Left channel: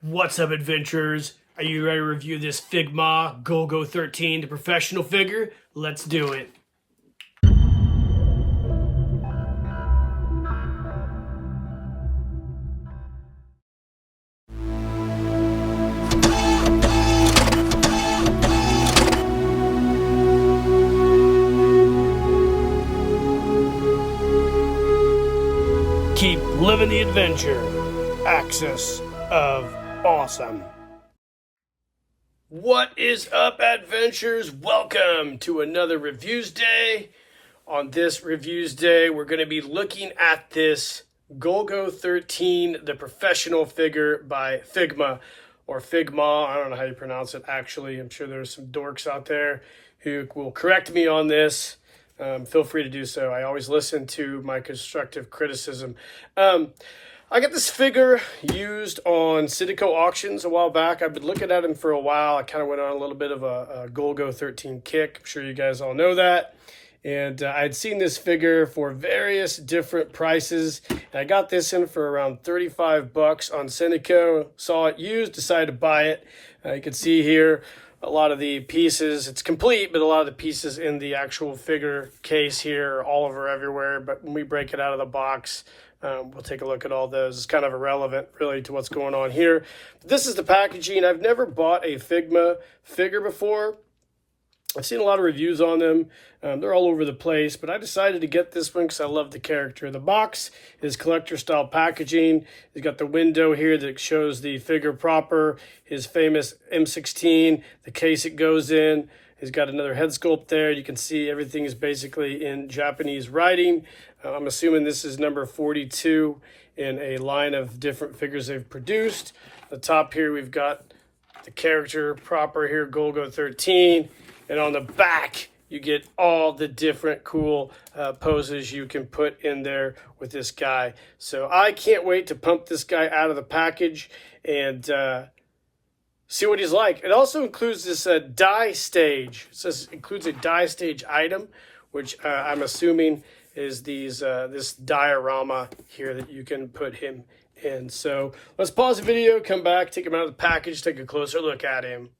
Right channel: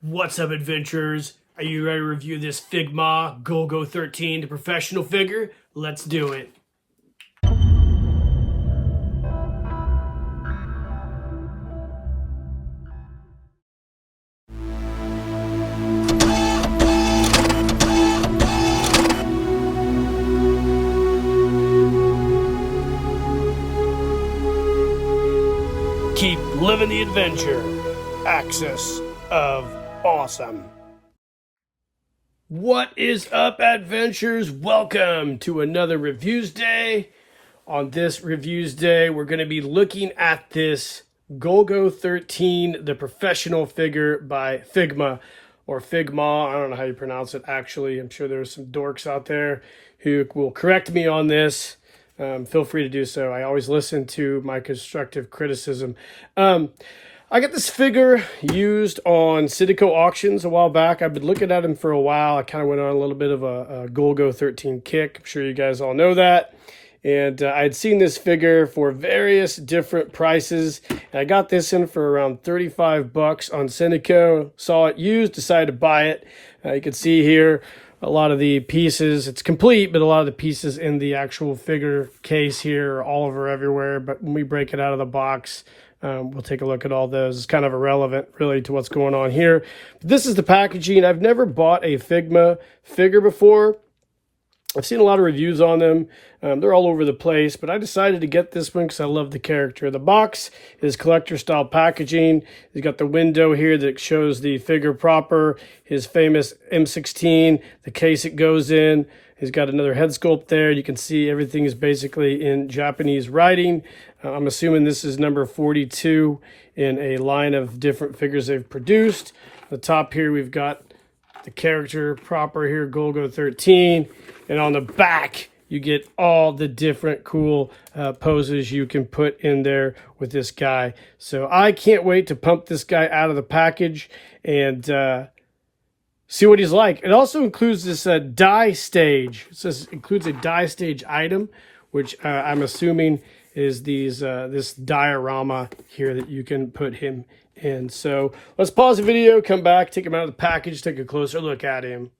What's up, adventurers? Are you ready to review this Figma Golgo 13, the professional figure? Let's do it. Keep living the adventure. Axis of Awesome. What is up, adventurers? Welcome to another Reviews Day. On this Reviews Day, we're going to be looking at this Golgo 13, the professional figure by Figma, or Figma. I don't know how you pronounce it, actually. I'm sure there's some dorks out there who will correct me on this. Feel free to do so. I always listen to my constructive criticism. I got this figure used on Citico auctions a while back. I've been looking at him for a while. I kind of went on a little bit of a Golgo 13 kick. I'm sure you guys all know that. And I had seen this figure for various different prices. And I got this in for around 35 bucks on Citico. Saw it used, decided to buy it. You can see here a lot of the pieces. It's complete, but a lot of the pieces in the actual figure case here are all over everywhere. But when we break it out of the box, we'll take a look at all those. It's kind of irrelevant, really, to what's going on here. But this is the packaging. I've never bought a Figma figure before. I've seen a lot of reviews on them. They're all over the place, but I decided to get this one because I love the character. The box is collector-style packaging. He's got the window here that shows the figure proper, his famous M16, the case it goes in. He's got another head sculpt there. You can see everything is basically in Japanese writing. I'm assuming this is number 42 in a line of different figures they've produced. The top here, we've got the character proper here, Golgo 13. And on the back, you get all the different cool poses you can put in there with this guy. So I can't wait to pump this guy out of the package and see what he's like. It also includes this die stage. It says includes a die stage item, which I'm assuming is this diorama here that you can put him in. So let's pause the video, come back, take him out of the package, take a closer look at him.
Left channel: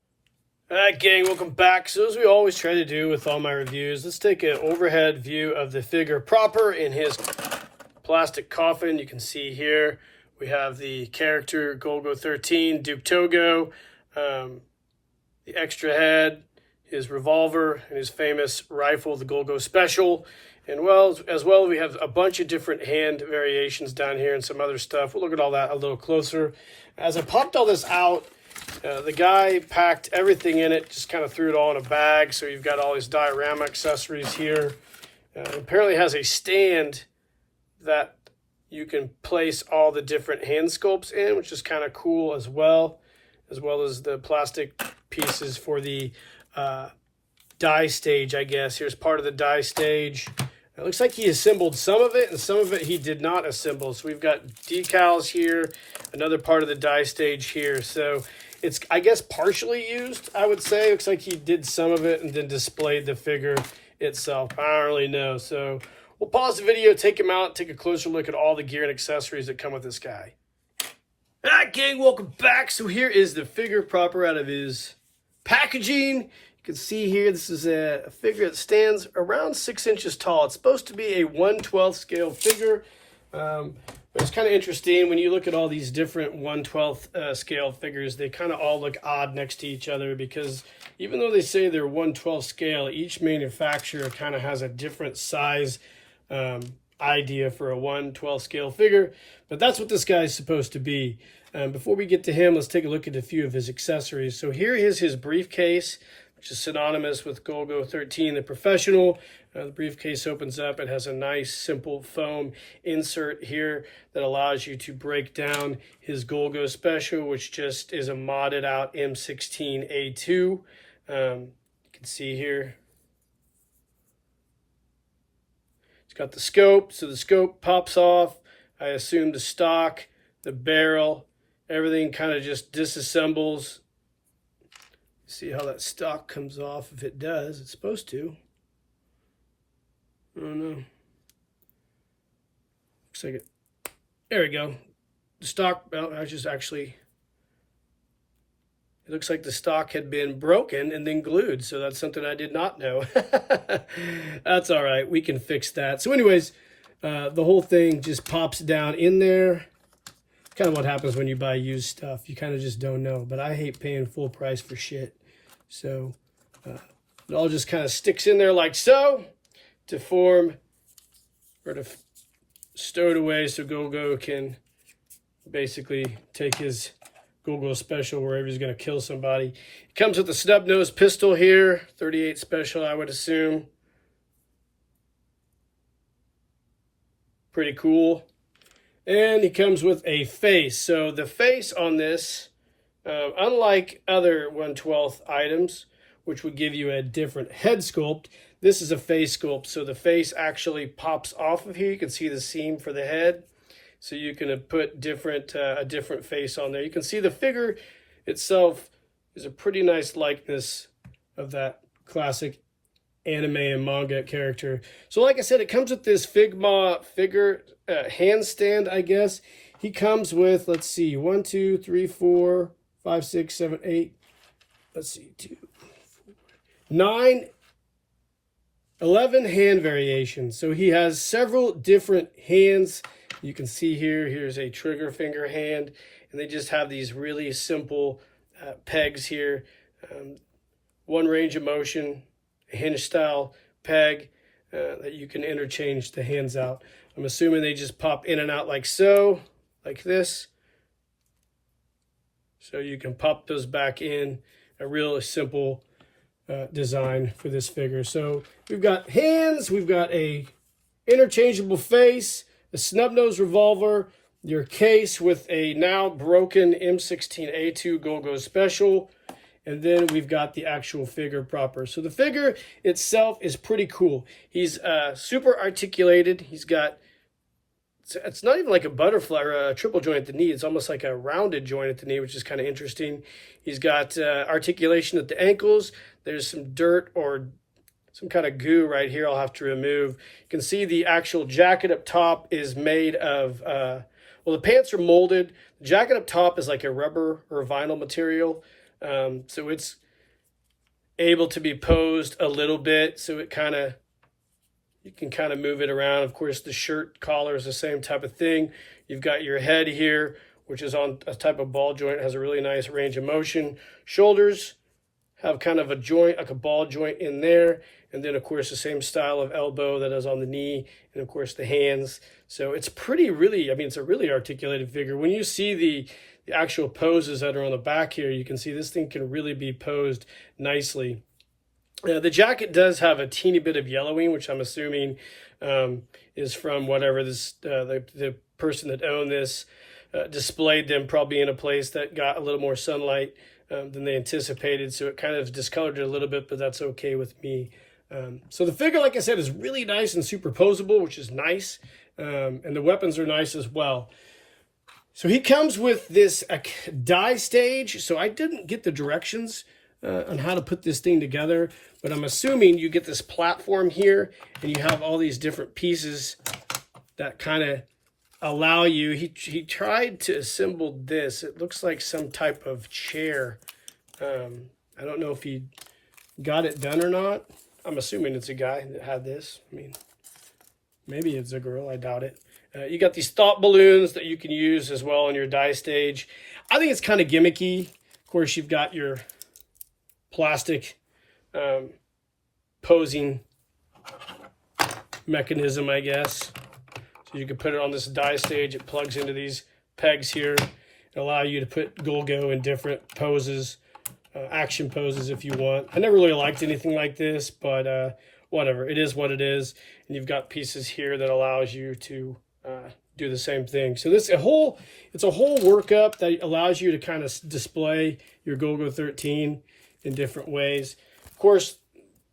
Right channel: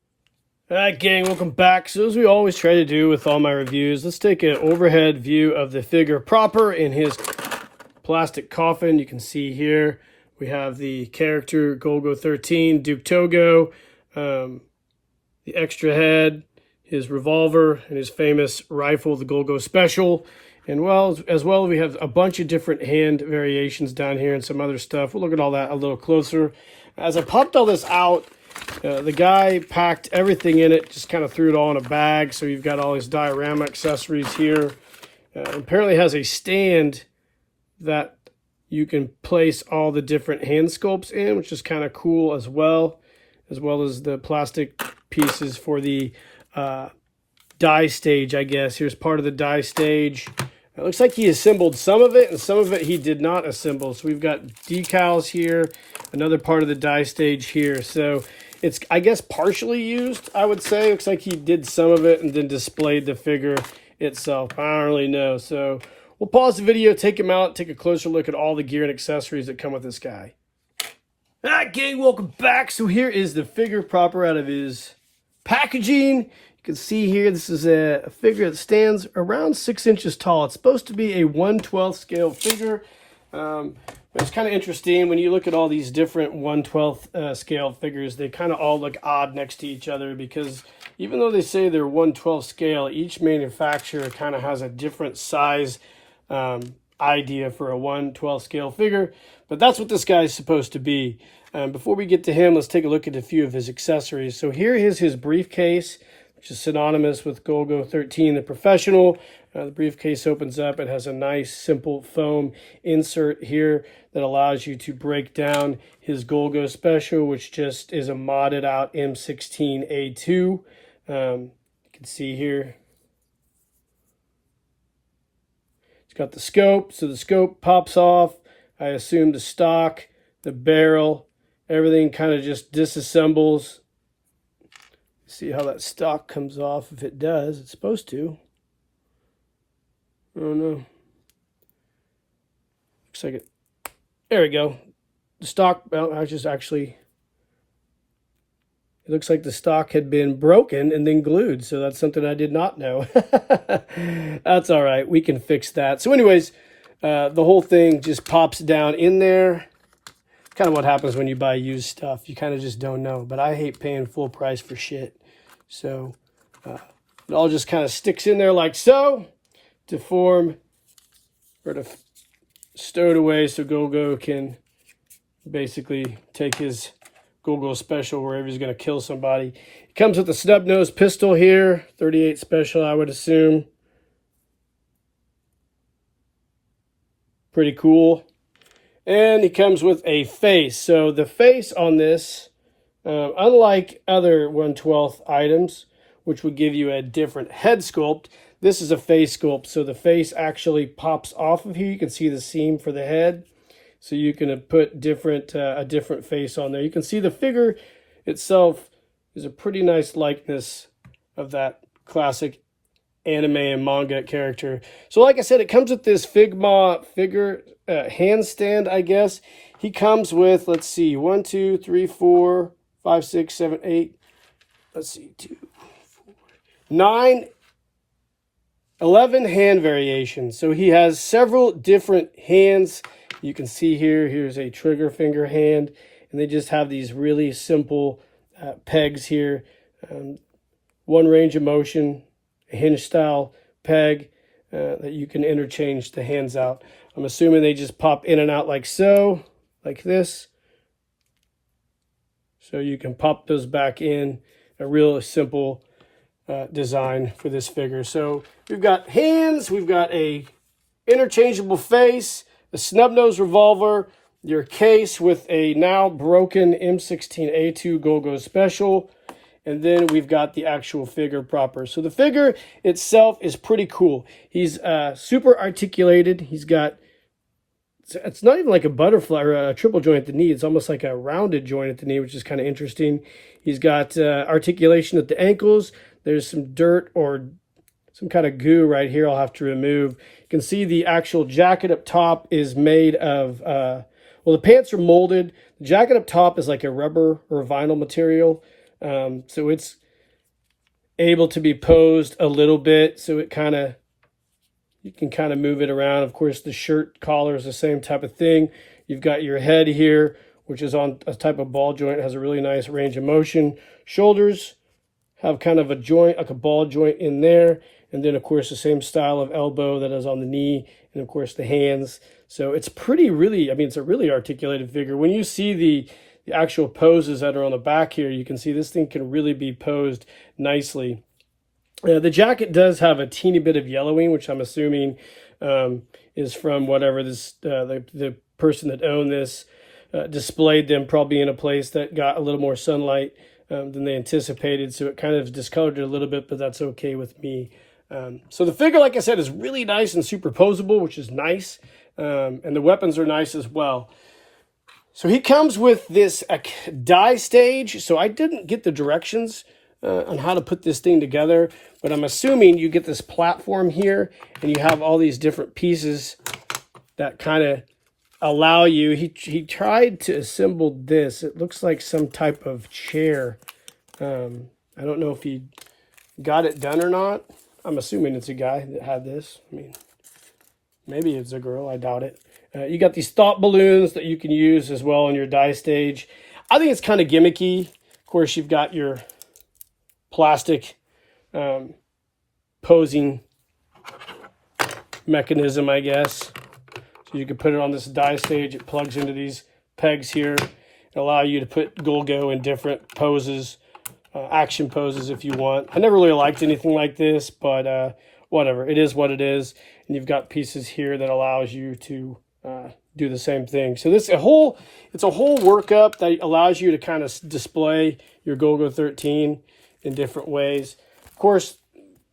All right, gang, welcome back. So as we always try to do with all my reviews, let's take an overhead view of the figure proper in his plastic coffin. You can see here we have the character Golgo 13, Duke Togo, the extra head, his revolver, and his famous rifle, the Golgo Special. And as well, we have a bunch of different hand variations down here and some other stuff. We'll look at all that a little closer. As I popped all this out, the guy packed everything in it, just kind of threw it all in a bag. So you've got all his diorama accessories here. Apparently has a stand that you can place all the different hand sculpts in, which is kind of cool as well as the plastic pieces for the die stage, I guess. Here's part of the die stage. It looks like he assembled some of it, and some of it he did not assemble. So we've got decals here, another part of the die stage here. So it's, I guess, partially used, I would say. Looks like he did some of it and then displayed the figure itself. I don't really know. So we'll pause the video, take him out, take a closer look at all the gear and accessories that come with this guy. All right, gang, welcome back. So here is the figure proper out of his packaging. You can see here, this is a figure that stands around 6 inches tall. It's supposed to be a 1/12 scale figure. But it's kind of interesting when you look at all these different 1/12 scale figures. They kind of all look odd next to each other because even though they say they're 1/12 scale, each manufacturer kind of has a different size idea for a 1/12 scale figure. But that's what this guy is supposed to be. Before we get to him, let's take a look at a few of his accessories. So here is his briefcase, which is synonymous with Golgo 13, the professional. The briefcase opens up. It has a nice, simple foam insert here that allows you to break down his Golgo Special, which just is a modded out M16A2. You can see here. It's got the scope, so the scope pops off. I assume the stock, the barrel, everything kind of just disassembles. See how that stock comes off. If it does, it's supposed to. I don't know. Looks like it. There we go. The stock, well, I just actually It looks like the stock had been broken and then glued, so that's something I did not know. That's all right. We can fix that. So anyways, the whole thing just pops down in there. Kind of what happens when you buy used stuff. You kind of just don't know. But I hate paying full price for shit. So it all just kind of sticks in there like so to form or to stow it away so Golgo can basically take his Golgo special wherever he's going to kill somebody. It comes with a snub nose pistol here, 38 special, I would assume. Pretty cool. And he comes with a face. So the face on this, unlike other 1/12 items, which would give you a different head sculpt, this is a face sculpt. So the face actually pops off of here. You can see the seam for the head. So you can put a different face on there. You can see the figure itself is a pretty nice likeness of that classic anime and manga character. So like I said, it comes with this Figma figure handstand, I guess. He comes with, let's see, 1, 2, 3, 4, 5, 6, 7, 8. Let's see, 2, 4, 9, 11 hand variations. So he has several different hands. You can see here's a trigger finger hand, and they just have these really simple pegs here. One range of motion, a hinge style peg that you can interchange the hands out. I'm assuming they just pop in and out like so, like this. So you can pop those back in. A real simple design for this figure. So we've got hands, we've got a interchangeable face, a snub nose revolver, your case with a now broken M16A2 Golgo special, and then we've got the actual figure proper. So the figure itself is pretty cool. He's super articulated. He's got, it's not even like a butterfly or a triple joint at the knee. It's almost like a rounded joint at the knee, which is kind of interesting. He's got articulation at the ankles. There's some dirt or some kind of goo right here I'll have to remove. You can see the actual jacket up top is made of, well, the pants are molded. The jacket up top is like a rubber or vinyl material. So it's able to be posed a little bit. So it kind of, you can kind of move it around. Of course, the shirt collar is the same type of thing. You've got your head here, which is on a type of ball joint. It has a really nice range of motion. Shoulders have kind of a joint, like a ball joint in there. And then, of course, the same style of elbow that is on the knee. And, of course, the hands. So it's really, I mean, it's a really articulated figure. When you see the actual poses that are on the back here, you can see this thing can really be posed nicely. The jacket does have a teeny bit of yellowing, which I'm assuming is from whatever this the person that owned this displayed them probably in a place that got a little more sunlight than they anticipated. So it kind of discolored it a little bit, but that's okay with me. So the figure, like I said, is really nice and superposable, which is nice. And the weapons are nice as well. So he comes with this die stage. So I didn't get the directions on how to put this thing together, but I'm assuming you get this platform here and you have all these different pieces that kind of allow you. He tried to assemble this. It looks like some type of chair. I don't know if he got it done or not. I'm assuming it's a guy that had this. I mean, maybe it's a girl. I doubt it. You got these thought balloons that you can use as well on your die stage. I think it's kind of gimmicky. Of course, you've got your plastic posing mechanism, I guess. So you can put it on this die stage. It plugs into these pegs here. Allow you to put Golgo in different poses, action poses if you want. I never really liked anything like this, but whatever. It is what it is. And you've got pieces here that allows you to do the same thing. So it's a whole workup that allows you to kind of display your Golgo 13 in different ways. Of course,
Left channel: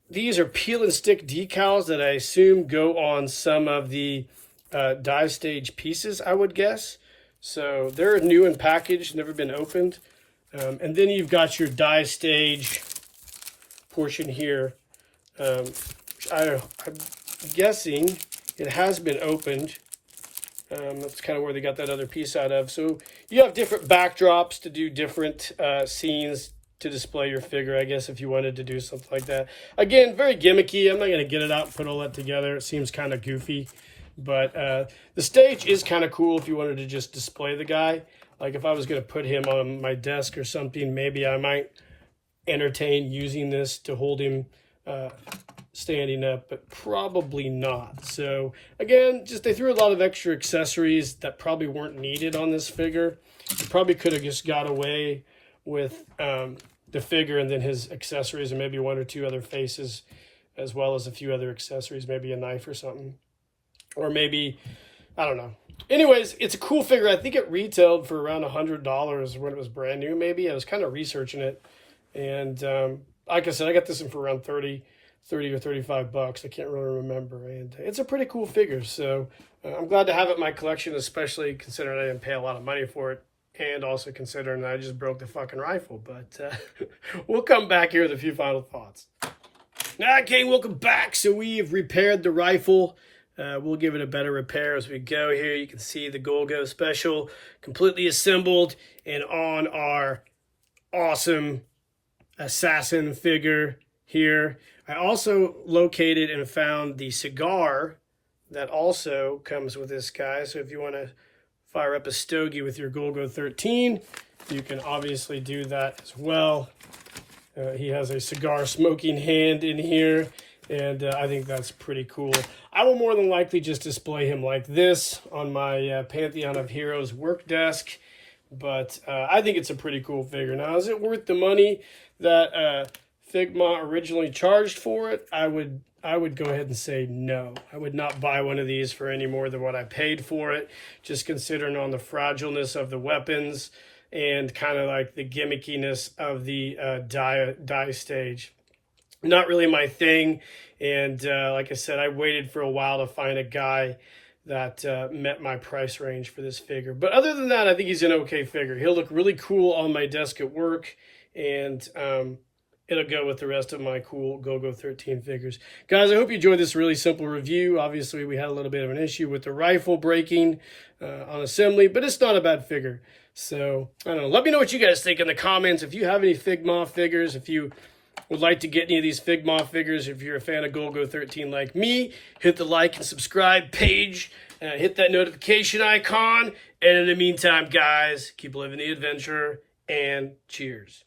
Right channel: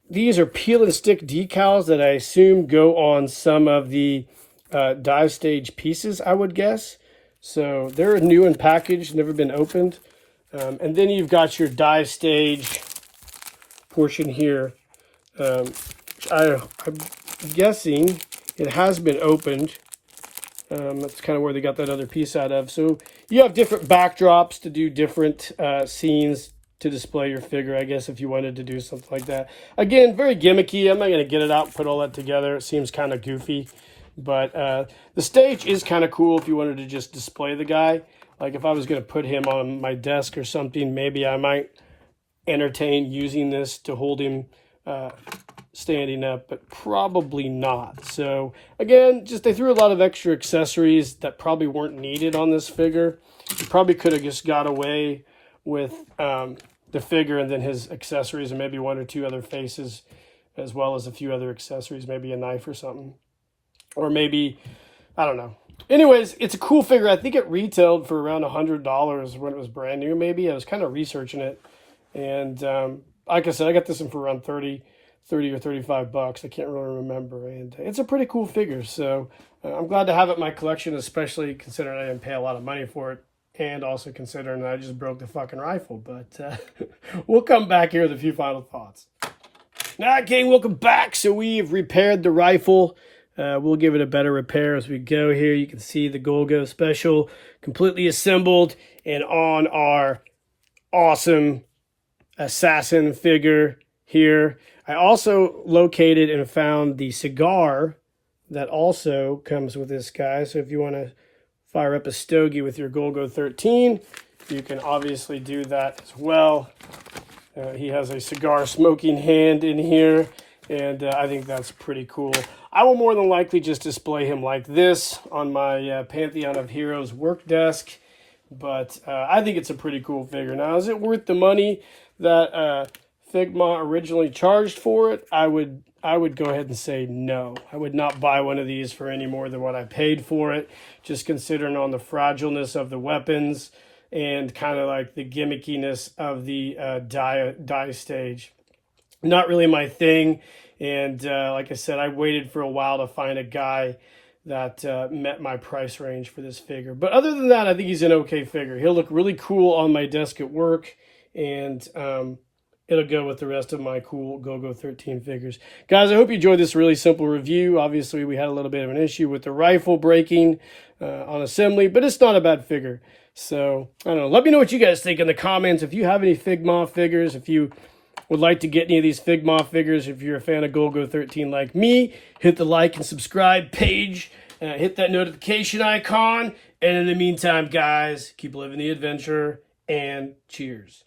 these are peel and stick decals that I assume go on some of the die stage pieces, I would guess. So they're new and packaged, never been opened. And then you've got your die stage portion here. I'm guessing it has been opened. That's kind of where they got that other piece out of. So you have different backdrops to do different scenes, to display your figure, I guess, if you wanted to do something like that. Again, very gimmicky. I'm not going to get it out and put all that together. It seems kind of goofy. But the stage is kind of cool if you wanted to just display the guy. Like if I was going to put him on my desk or something, maybe I might entertain using this to hold him standing up, but probably not. So again, just they threw a lot of extra accessories that probably weren't needed on this figure. You probably could have just got away with the figure and then his accessories and maybe one or two other faces, as well as a few other accessories, maybe a knife or something. Or maybe, I don't know. Anyways, it's a cool figure. I think it retailed for around $100 when it was brand new, maybe. I was kind of researching it. And like I said, I got this one for around 30 or 35 bucks. I can't really remember. And it's a pretty cool figure. So I'm glad to have it in my collection, especially considering I didn't pay a lot of money for it. And also considering that I just broke the fucking rifle. But we'll come back here with a few final thoughts. Okay, welcome back. So we've repaired the rifle. We'll give it a better repair as we go here. You can see the Golgo special completely assembled and on our awesome assassin figure here. I also located and found the cigar that also comes with this guy. So if you want to fire up a stogie with your Golgo 13, you can obviously do that as well. He has a cigar smoking hand in here, and I think that's pretty cool. I will more than likely just display him like this on my Pantheon of Heroes work desk, but I think it's a pretty cool figure. Now, is it worth the money that Figma originally charged for it? I would go ahead and say no. I would not buy one of these for any more than what I paid for it, just considering on the fragileness of the weapons and kind of like the gimmickiness of the die stage. Not really my thing. And like I said, I waited for a while to find a guy that met my price range for this figure. But other than that, I think he's an okay figure. He'll look really cool on my desk at work, and it'll go with the rest of my cool Golgo 13 figures. Guys, I hope you enjoyed this really simple review. Obviously, we had a little bit of an issue with the rifle breaking on assembly, but it's not a bad figure. So, I don't know. Let me know what you guys think in the comments. If you have any Figma figures, if you would like to get any of these Figma figures, if you're a fan of Golgo 13 like me, hit the like and subscribe page, hit that notification icon, and in the meantime, guys, keep living the adventure, and cheers.